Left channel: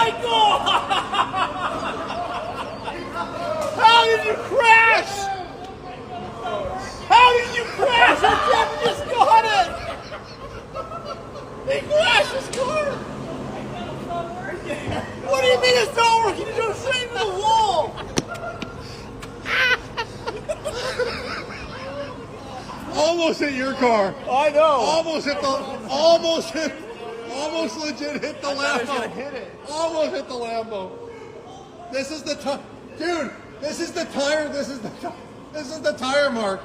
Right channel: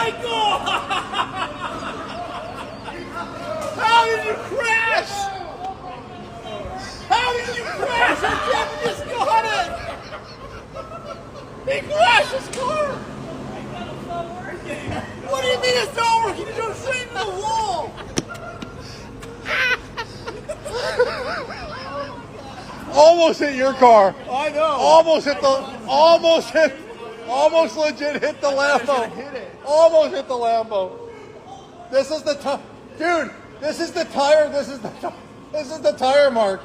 my God! How did you crash? How did you crash? I just got it! He crashed his car! What do you mean it's not working? You don't straight into the wall! Almost hit your car. I know. Almost legit hit the Lambo. Hit it. Almost hit the Lambo. This is the dude. This is the tire. This is the tire mark.